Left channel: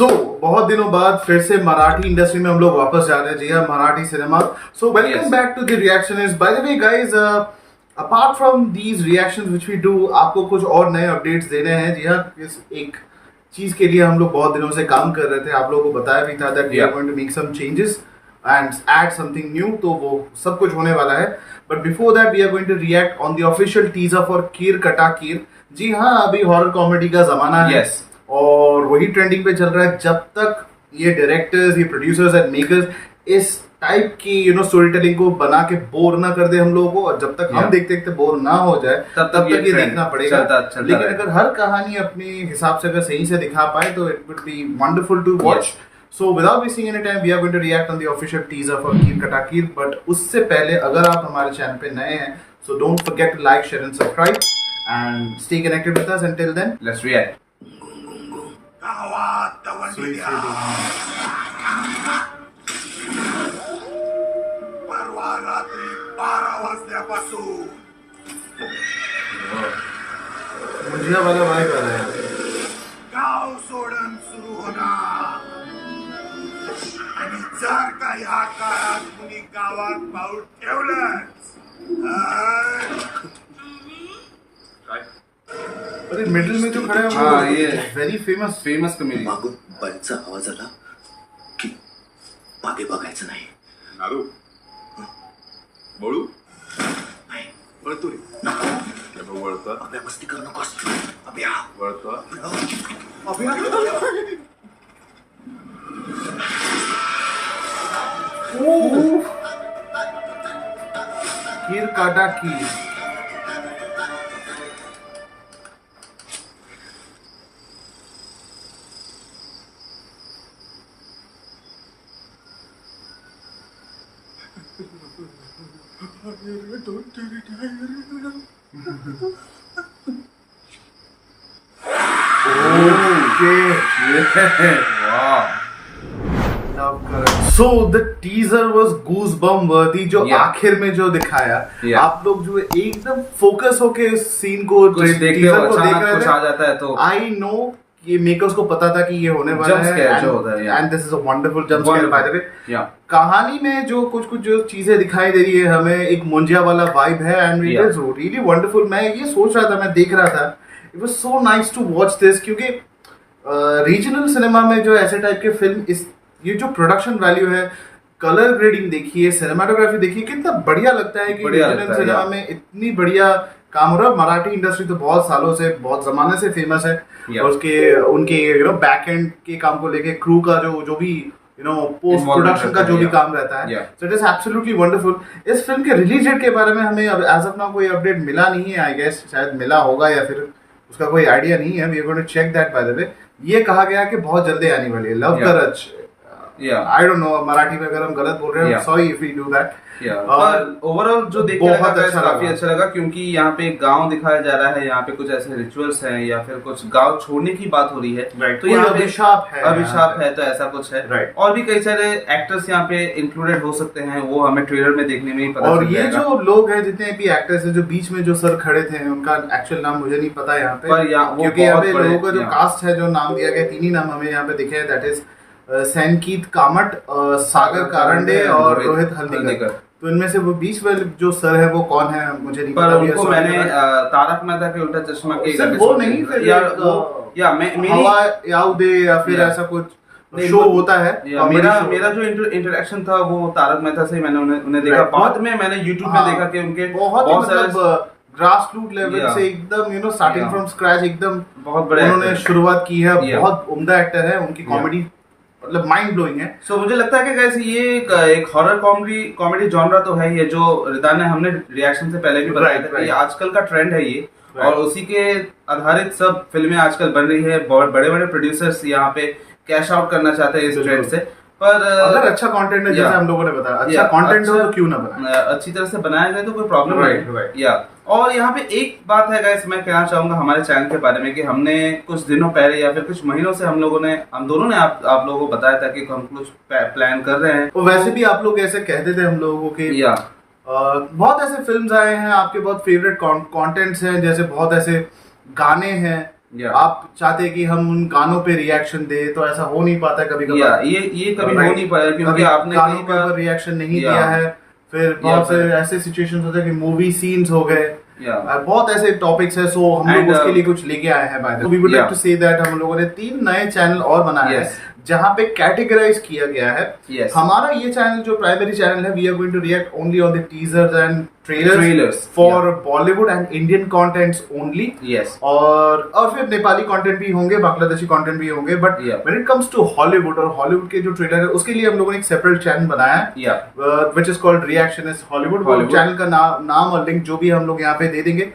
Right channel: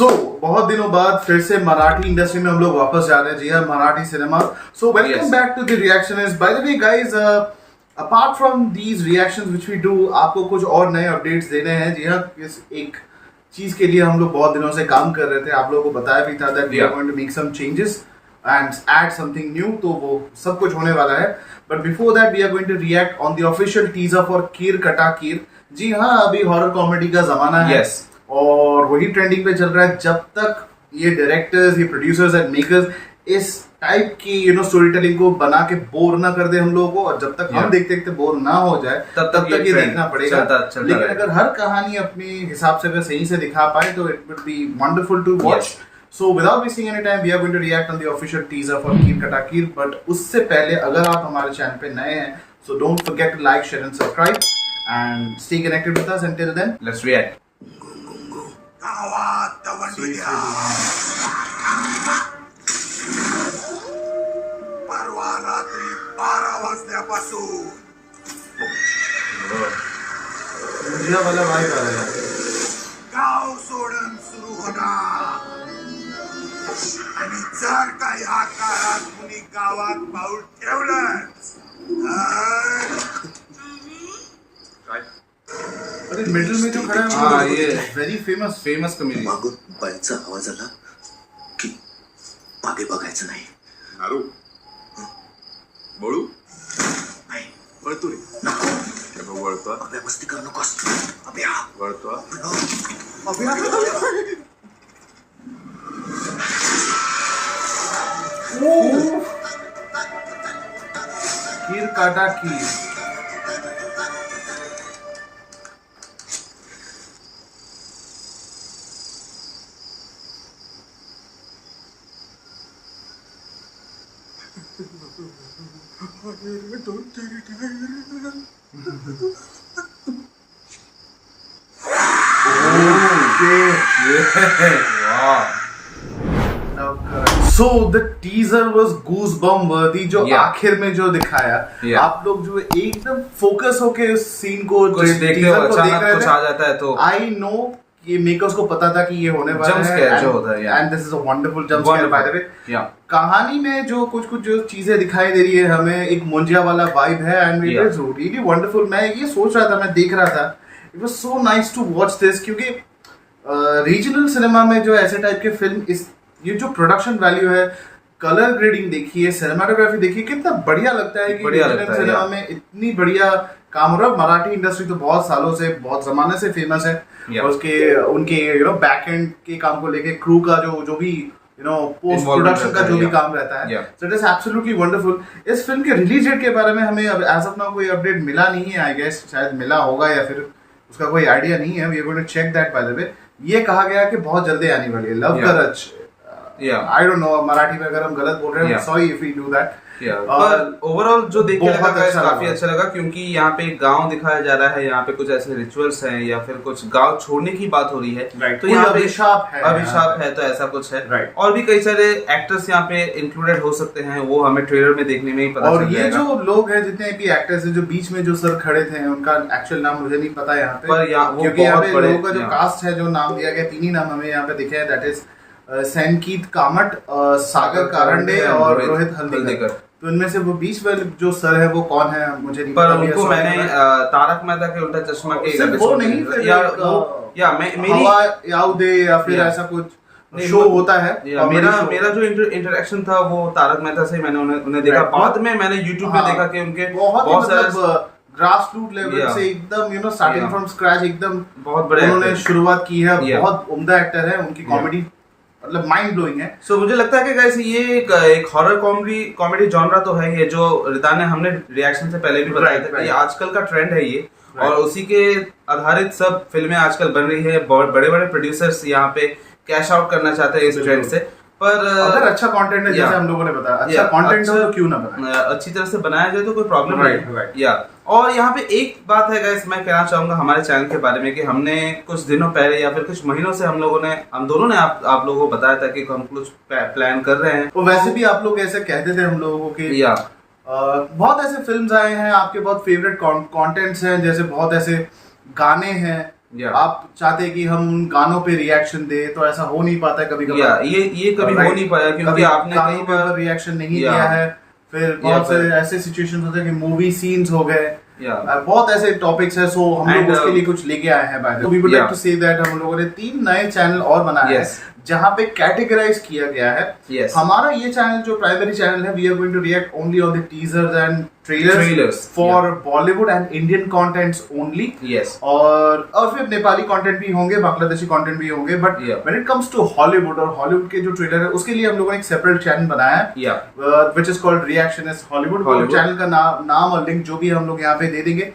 बहुत दिनों बाद फिर से मराठी इंडस्ट्री में हम लोग वापस जा रहे हैं। जी हाँ, Marathi cinema. So welcome back to the Reactionist. By the way guys, apart from these reactions which we do, आपको कुछ और नए अपडेट्स देने हैं। जी हाँ, इस एक चीज के लिए हम लोग बहुत दिनों से काम कर रहे थे। आप लोगों को बताया भी था that we are going to make some changes and add something new. तो वो सब कुछ होने वाला है। But before that we are going to react on the official teaser for कीर कटा कीर। जी हाँ, अभी हॉरर कॉमेडी का जमाना है। Yes. और वही ट्रेंडिंग पे चल रहा है। जब तक ये डायरेक्टर्स, ये प्रोड्यूसर्स एंड मेकर्स इस टाइप की स्टोरी टेलिंग को बना के बोर ना कर दे हम लोगों को, और जब तक हम देखते देखते बोर ना हो जाए तब तक ये देखना पड़ेगा। लेकिन अगर हर कहानी अपनी हिसाब से अगर सही से दिखा पाए तो it would be wonderful to watch. So without wasting any time, we are going to react on the official teaser for Keer Kata Keer. But उससे पहले अगर आप हमारे चैनल पे नए हैं, so don't forget to like, share and subscribe and stay connected with us. Until then, Let's react. परवा रात्री 12 वाजल्यापासून मुझे वाला वाइब आ रहा है। गाव सोडून सुरू होणार आणि जर का या काळात कुणी गावात पाऊल ठेवलंच अरे मिडिल में जो खड़ा है हाँ, वो ये वेरी फेमस कमेडी। मागून बायांचा आवाज आला की मागे बघायचं नाही. नारू बळू नाही वळतोय वळतो अभ्या मस्ती करू नकोस. अभ्या वळतो कीर काटा कीर। So the teaser was goosebump worthy। जो आखिर में जो दिखाया, आप लोग जो एकदम फोकस होके उस सीन को टीजर को देख रहे थे, कुछ आ जाता है तो आई नो ये मेकर्स को पता था कि ये होने वाला है। जंप स्केयर जो होता है, and this is a wonderful jump square by the वे। कहानी में जो कुछ जो चीजें दिखाई दे रही है, हमें एक मुंजिया वाला वाइब है and it is really wonderful. मैं ये सोच रहा था, मैं देख रहा था, it was so nice to watch this, क्योंकि रीजनल सिनेमा में जो ऐसे टाइप के फिल्म, इस ये जो प्रोडक्शन वैल्यू है, कलर ग्रेडिंग देखिए, सिनेमाटोग्राफी देखिए, कितना बढ़िया लगता है कि रीजनल सिनेमा में इतनी बढ़िया काम हो रहा है। मराठी इंडस्ट्री तो बहुत सालों से, बहुत जमाने से फेमस है। और उसके उनके बैक एंड के काम को लेके, क्रू का जो भी पोस्ट प्रोडक्शन का जो भी काम रहता है, so it is absolutely wonderful. इस फिल्म के रिलीज डेट के बारे में हमें एज ऑफ नाउ कोई अपडेट मिला नहीं है। आई गेस शायद मिला होगा या फिर उसका कोई आइडिया नहीं है। We are going to check that by the way. ये कहा गया कि बहुत जल्दी आने वाली है लव करज। आई डोंट नो मराठी में अगर हम गलत बोल रहे हैं, sorry if we do that. Overall जो देख के लगा काफी लगा। अच्छा लगा, क्योंकि यहाँ पे गांव दिखाया जा रहा है, यहाँ पे कुछ ऐसे रिचुअल्स हैं या फिर कुछ गांव छोड़ने की बात हो रही है। Right. तो यहाँ पे अभिशाप है तो ऐसा कुछ है। Right. और भी कई सारे एक्टर्स यहाँ पे इंक्लूडेड हो सकते हैं, वो हमें ट्रेलर में देखने में ही पता और चल ये जाएगा। जो लोग हैं, जितने भी एक्टर्स हैं, जो बीच में जो सर खड़े थे, उनका एक्चुअल नाम मुझे नहीं पता यहाँ पे, पर यहाँ वो क्योंकि यहाँ पे बहुत बड़े- लोगों का जो कास्ट है, जो नाम दिया गया, तीन ही नाम हमें यहाँ पे दिखे हैं, दैट इज सैनकीत कामट, सागर कारंडे और रोहित हल्दीकर। तो इनमें से वो बीच वाले जो सर है वो कौन है मुझे नहीं पर पता। उनको मैंने तारक मेहता के उल्टा चश्मा के सिर्फ वो नहीं, फिर या एक, वो या मेरी हवा याउदे या फिर ऐसा कुछ शो होता है। मेरा जो इंटरेक्शन था वो तारक मेहता से मैंने उन्हें देखा। बाद में मैंने YouTube पे देखा कि उनके बहुत सारे ग्रास रूट लेवल से एकदम स्टार्टिंग फ्रॉम स्क्रैच एकदम बहुत बड़े उन्होंने शुरुआत की है। बहुत उम्दा एक्टर है, उनकी कॉमेडी मतलब माइंड ब्लोइंग है। सो मुझे लगता है कि गाइस ये एक हॉरर कॉमेडी जॉनरा तो है, ये जो रिदान ने हमने रिएक्शन से पहले भी बताया था कि ये आजकल का ट्रेंड है ये, और उसी के आधारित सब फिल्में आजकल बन रही है। बड़े बड़े प्रोड्यूसर्स यहाँ पे कैश आउट करना चाहते हैं इस ट्रेंड से। पर अगर अच्छा कंटेंट है, जैसे हम लोगों ने बताया, अच्छा कंटेंट हो तो क्यों ना बनाए, अच्छी तरह से बनाया जाए तो कोई प्रॉब्लम नहीं है। और यहाँ पे एक बात है गाइस, मैं कहना चाहूंगा हमारे चैनल के बारे में कि हमने कुछ दिनों पहले या फिर कुछ महीनों से हम दोनों ने आप लोगों को बताया था कि हम कुछ प्लान कर रहे हैं। और वैसे भी आप लोग ऐसे कहते थे हम लोगों को कि बहुत ऐसे फिल्म्स आए हैं, आपके बहुत फेवरेट कंटेंट्स हैं, जैसे बहुत ऐसे गाने हैं आप चाहते हैं कि हम उन गानों पे रिएक्शन दे, तो ऐसा हो नहीं पाता है कभी कभी। ये कभी हो नहीं पाया क्योंकि आपने गानों पर रिएक्शन नहीं दिया है। फिर बहुत से ऐसे सिचुएशंस होते हैं कि मूवी सीन्स हो गए, बहुत ऐसे टॉपिक्स है। सो हम लोग उसके लिए कुछ लेके आए हैं। By the way we would like to say that हम लोगों ने 3 नए चैनल और बनाए हैं जहां पे कैटेगराइज किया गया है। हमारा ये चैनल जो प्राइमरी चैनल है, we are going to react only on the teasers and trailers for Bollywood and Indian contents only. और फिर नेपाली कंटेंट भी होंगे, बांग्लादेशी कंटेंट भी होंगे। But when it comes to Hollywood और हॉलीवुड के जो ट्रेलर है उसके लिए हम लोगों ने एक सेपरेट चैनल बनाया है which is called Reactionist Hollywood. Channel का नाम और लिंक जो भी हम लोग यहाँ पे दे देंगे।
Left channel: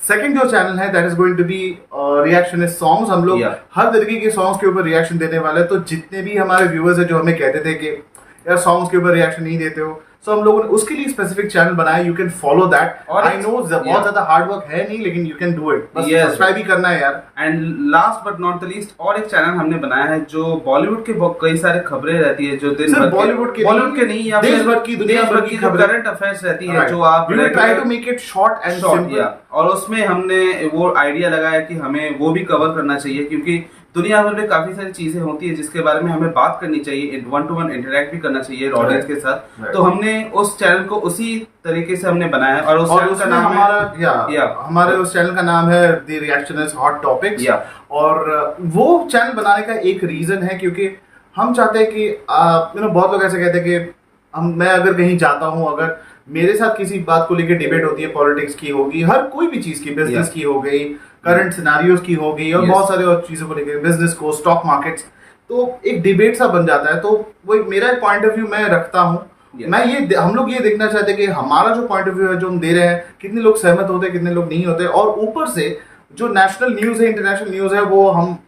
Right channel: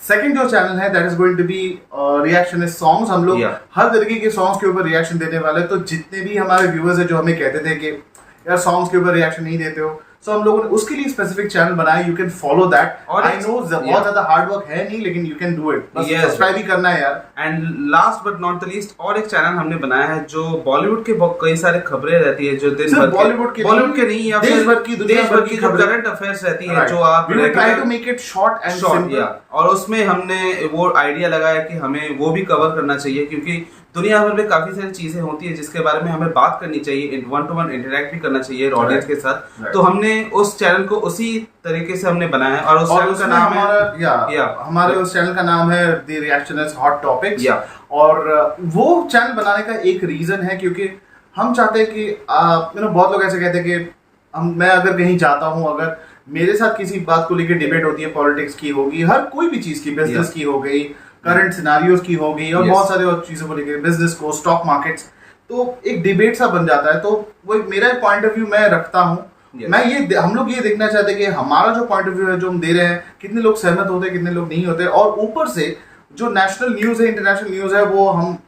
सेकंड जो चैनल है that is going to be Reactionist songs. हम लोग हर तरीके के सॉन्ग्स के ऊपर रिएक्शन देने वाले हैं। तो जितने भी हमारे व्यूअर्स है जो हमें कहते थे कि यार सॉन्ग्स के ऊपर रिएक्शन नहीं देते हो, सो हम लोगों ने उसके लिए स्पेसिफिक चैनल बनाया। You can follow that. I know बहुत ज्यादा हार्ड वर्क है नहीं, लेकिन यू कैन डू इट। बस सब्सक्राइब ही करना है यार। And last but not the least और एक चैनल हमने बनाया है जो बॉलीवुड के कई सारे खबरें रहती है जो दिन भर बॉलीवुड के नहीं या देश भर की दुनिया भर की जो करंट अफेयर्स रहती है जो आप try to make it short and simple. और उसमें हमने वो आइडिया लगाया कि हमें वो भी कवर करना चाहिए क्योंकि दुनिया भर में काफी सारी चीजें होती है जिसके बारे में हमें बात करनी चाहिए, 1-to-1 इंटरेक्ट भी करना चाहिए ऑडियंस के साथ। तो हमने उस चैनल को उसी तरीके से हमने बनाया और उस चैनल का नाम हमारे उस चैनल का नाम है द रिएक्शनिस्ट हॉट टॉपिक्स। और वो चैनल बनाने का एक रीजन है क्योंकि हम चाहते हैं कि बहुत लोग ऐसे कहते हैं कि मैं अगर कहीं जाता हूँ, अगर मेरे साथ किसी बात को लेकर डिबेट होती है, पॉलिटिक्स की होगी, हर कोई भी चीज की, बिजनेस की हो गई, करंट सिनेरियोज की हो गई और बहुत सारे और चीजों को लेकर, बिजनेस को, स्टॉक मार्केट्स, तो एक डिबेट सा बन जाता है। तो वो मेरा एक पॉइंट ऑफ व्यू मैं रखता हूँ। हम लोग ये देखना चाहते हैं कि हमारा जो पॉइंट ऑफ व्यू है जो हम दे रहे हैं, कितने लोग सहमत होते हैं, कितने लोग नहीं होते। और ऊपर से जो नेशनल न्यूज है, इंटरनेशनल न्यूज है, वो हम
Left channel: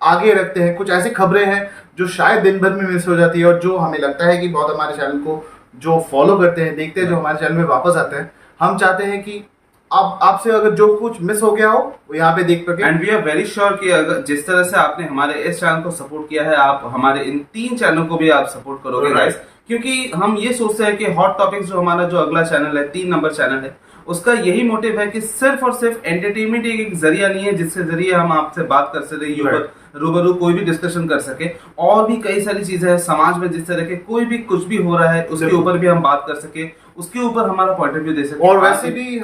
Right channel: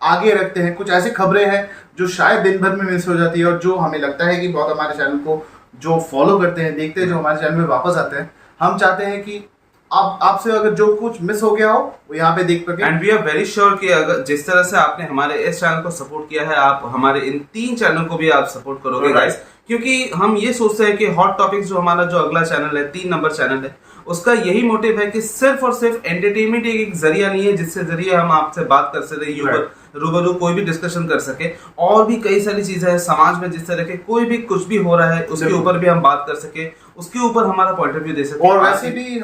आगे रखते हैं। कुछ ऐसी खबरें हैं जो शायद दिन भर में मिस हो जाती है और जो हमें लगता है कि बहुत हमारे चैनल को जो फॉलो करते हैं, देखते हैं, जो हमारे चैनल में वापस आते हैं, हम चाहते हैं कि आपसे अगर जो कुछ मिस हो गया हो वो यहाँ पे देख सके। And we are very sure कि अगर जिस तरह से आपने हमारे इस चैनल को सपोर्ट किया है, आप हमारे इन 3 चैनल को भी आप सपोर्ट करोगे गाइस। क्योंकि हम ये सोचते हैं कि हॉट टॉपिक्स जो हमारा जो अगला चैनल है, 3 नंबर चैनल है, उसका यही मोटिव है कि सिर्फ और सिर्फ एंटरटेनमेंट एक जरिया नहीं है जिससे जरिए हम आपसे बात कर सके, रूबरू कोई भी डिस्कशन कर सके। और भी कई सारी चीजें हैं समाज में, जिस तरह के कोई भी कुछ भी हो रहा है उसके ऊपर भी हम बात कर सके, उसके ऊपर हमारा पॉइंट ऑफ व्यू दे सके। और वैसे भी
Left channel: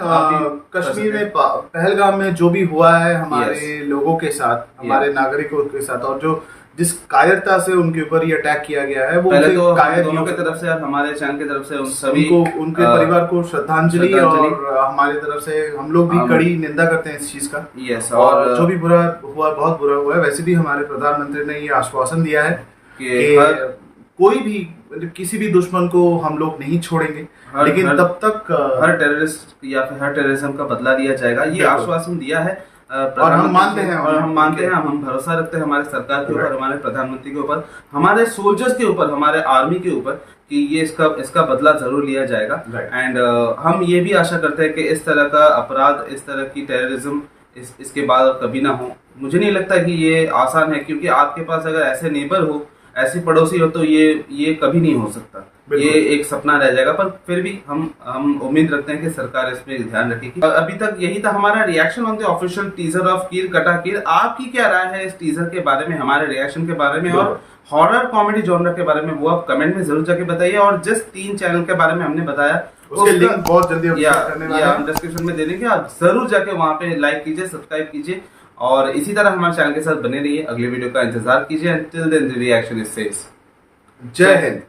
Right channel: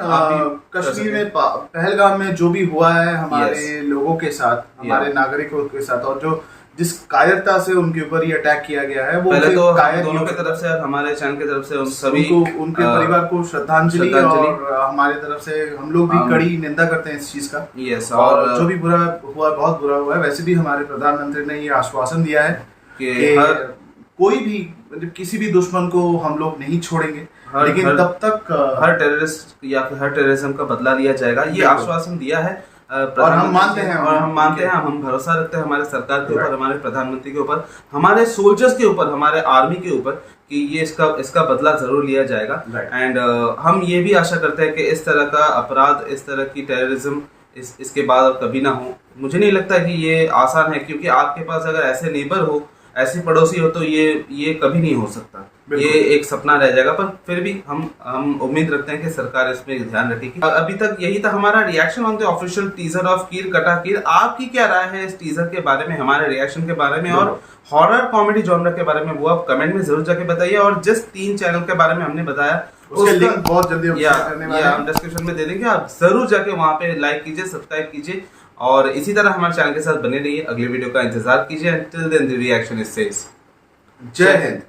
कश्मीर में, पहलगाम में जो भी हुआ है हमारे लोगों के साथ, हमारे नागरिकों के साथ, और जो जिस कायरता से उनके ऊपर ये अटैक किया गया है, वो पहले तो दोनों की तरफ से और हमारे चैनल की तरफ से उन सभी को, उनके परिवार को श्रद्धांजलि। और हमारे तरफ से हम लोग भी कड़ी निंदा करते हैं इस चीज का। और जो भी बुरा हुआ, बहुत बुरा हुआ है। वैसे भी हमारे प्रधानमंत्री ने ये आश्वासन दिया है कि कोई भी, किसी भी दुश्मन को हम लोग नहीं छोड़ेंगे, लेकिन तब तक हर टेररिस्ट या फिर हर टेररिज्म का बदला लिया जाएगा, ये आश्वासन दिया है। और हम मानते हैं, हम भरोसा रखते हैं हमारे सरकार के ऊपर, हमारे प्रधानमंत्री के ऊपर, हमारे सोल्जर्स के ऊपर, हमारे आर्मी के ऊपर कि ये इसका बदला जरूर लिया जाएगा। एंड हम ये भी आशा करते हैं कि इस तरह का अपराध, इस तरह की टेररिज्म इसके बाद कभी ना हो। मुझे नहीं लगता कि ये आसान है, क्योंकि आपके पास अगर ऐसे नेबर हो, ऐसी पड़ोसी हो, तो ये कभी नहीं हो सकता, ये एक सपना रह जाएगा। पर फिर भी हम उम्मीद रखते हैं कि सरकार इसमें ध्यान रखेगी। अभी तक यही था हमारा reaction on the official teaser of कीर कटा कीर। आपकी क्या राय है इस टीजर के बारे में, हमारे रिएक्शन के बारे में और हॉरर कॉमेडी जॉनर के बारे में, वो आप कमेंट में जरूर जाके बताइए। और जिस 3 चैनल के बारे में हमने बताया उसके लिंक बहुत जल्दी हम डिस्क्रिप्शन में दे देंगे, आप जरूर जाके वहां पे लाइक कीजिए, सब्सक्राइब कीजिए और इसी तरह हमारे चैनल के साथ बने रहिए। अगले वीडियो का इंतजार कीजिए। Until then, the reaction is says, जय हिंद।